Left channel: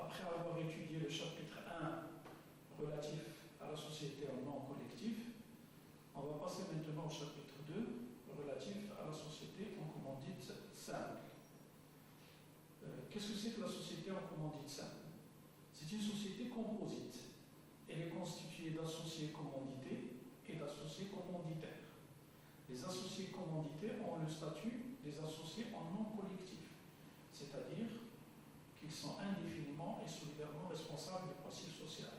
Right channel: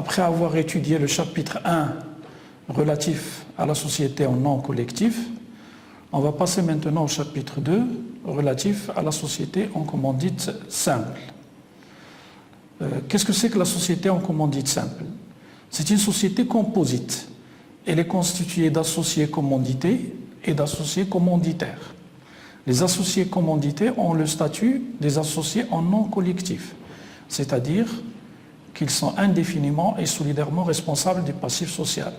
après avoir étudié le chapitre 1 relatif à la société en nom collectif, on va passer maintenant au chapitre 2 relatif à la société en commandite simple. Qu'est-ce que c'est que la société en commandite simple? C'est une société composite. Elle est constituée d'associés commandités et d'associés commanditaires. Les associés commandités ont le statut des associés en nom collectif, c'est-à-dire qu'ils sont indéfiniment et solidairement responsables du passif social.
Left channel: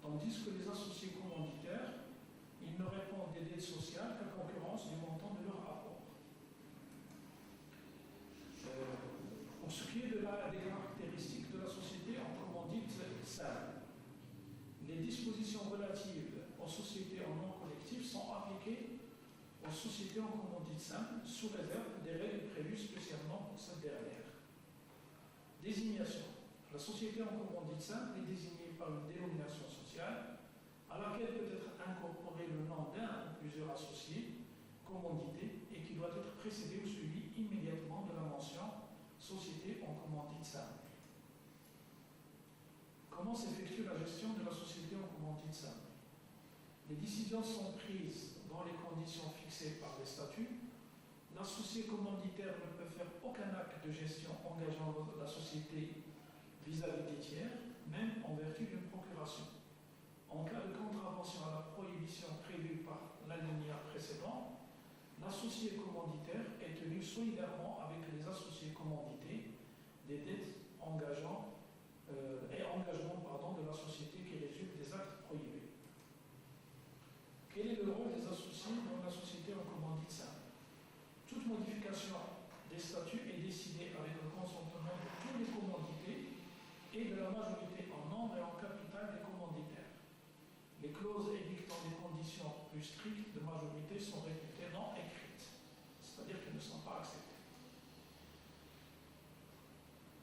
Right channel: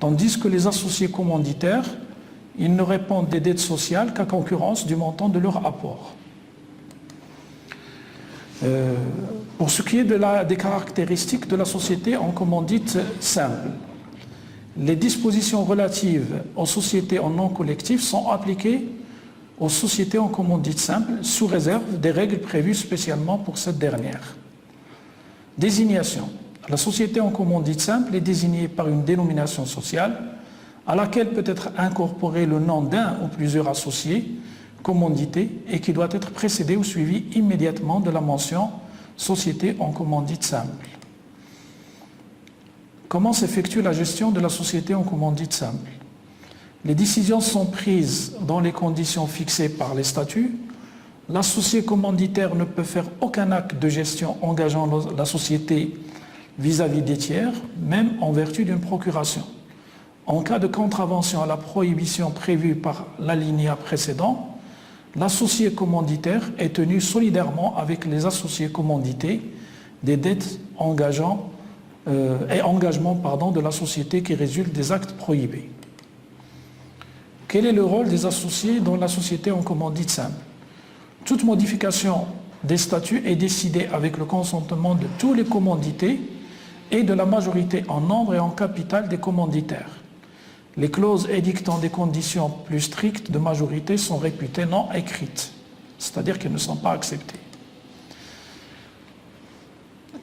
Tandis que les associés commanditaires, ils ne répondent des dettes sociales qu'à concurrence du montant de leur apport. Pour ce qui est des caractéristiques de la société en commandite simple, les dispositions relatives aux sociétés en nom collectif sont appliquées aux sociétés en commandite simple sous réserve des règles prévues spécialement pour cette dernière. Désignation. La société en commandite simple est désignée par une dénomination sociale à laquelle peut être incorporé le nom d'un ou plusieurs associés commandités et qui doit être précédé ou suivi immédiatement de la mention « société en commandite simple ». Comment s'effectue la gestion de la société en commandite simple? Les décisions sont prises dans les conditions fixées par les statuts. L'associé commanditaire ne peut faire aucun acte de gestion engageant la société vis-à-vis des tiers, même en vertu d'une procuration. En cas de contravention à la prohibition prévue par l'alinéa précédent, l'associé commanditaire est tenu solidairement avec les associés commandités des dettes engagements de la société qui résultent des actes prohibés. Quel est le rôle des associés dans la société en commandite simple? Toute modification des statuts est décidée avec le consentement de tous les commandités et de la majorité en nombre et en capital des commanditaires. Les clauses édictant des conditions plus strictes de majorité sont réputées non écrites, c'est-à-dire qu'elles ne sont pas acceptées.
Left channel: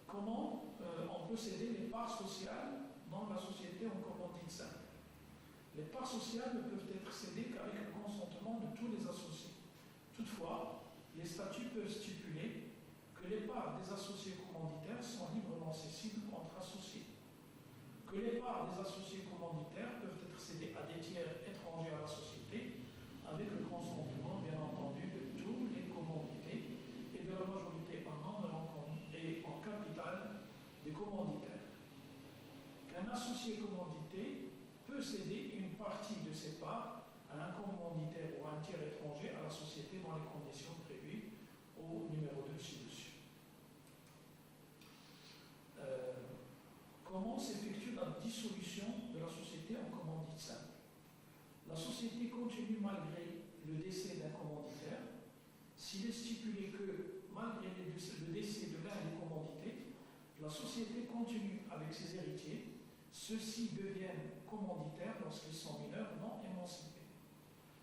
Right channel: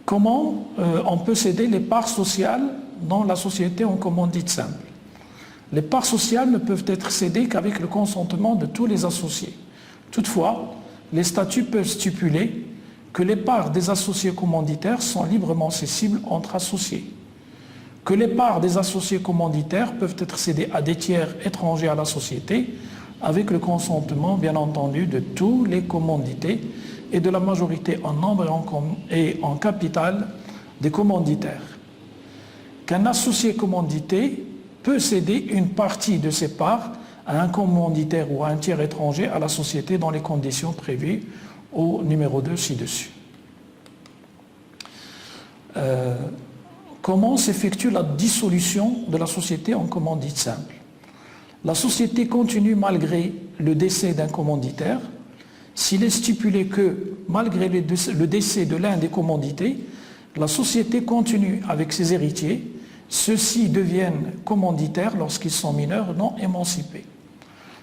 Comment on peut céder les parts sociales dans la société en commandite simple? Les parts sociales ne peuvent être cédées qu'avec le consentement de tous les associés. Toutefois, les statuts peuvent stipuler que les parts des associés commanditaires sont librement cessibles entre associés, que les parts des associés commanditaires peuvent être cédées à des tiers étrangers à la société avec le consentement, bien entendu, de tous les commandités et de la majorité en nombre et en capital des commanditaires. Qu'un associé commandité peut céder une partie de ses parts à un commanditaire ou à un tiers étranger à la société dans les conditions prévues au numéro 2 ci-dessus. Comment s'effectue la dissolution de la société en commandite simple? La société continue malgré le décès d'un commanditaire. S'il est stipulé que, malgré le décès de l'un des commandités, la société continue avec ses héritiers, ceux-ci deviennent commanditaires lorsqu'ils sont mineurs non émancipés.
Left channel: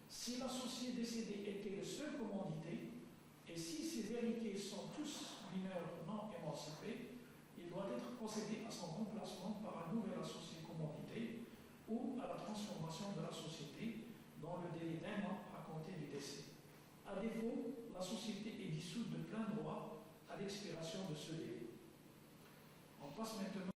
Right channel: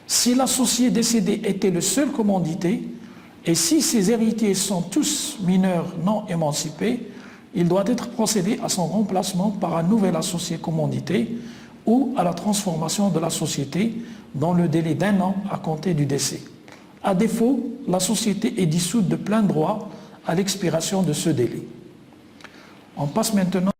Si l'associé décédé était le seul commandité, et si ses héritiers sont tous mineurs non émancipés, il doit être procédé à son remplacement par un nouvel associé commandité ou à la transformation de la société dans le délai d'1 an à compter du décès. À défaut, la société est dissoute de plein droit à l'expiration de ce délai. On passe maintenant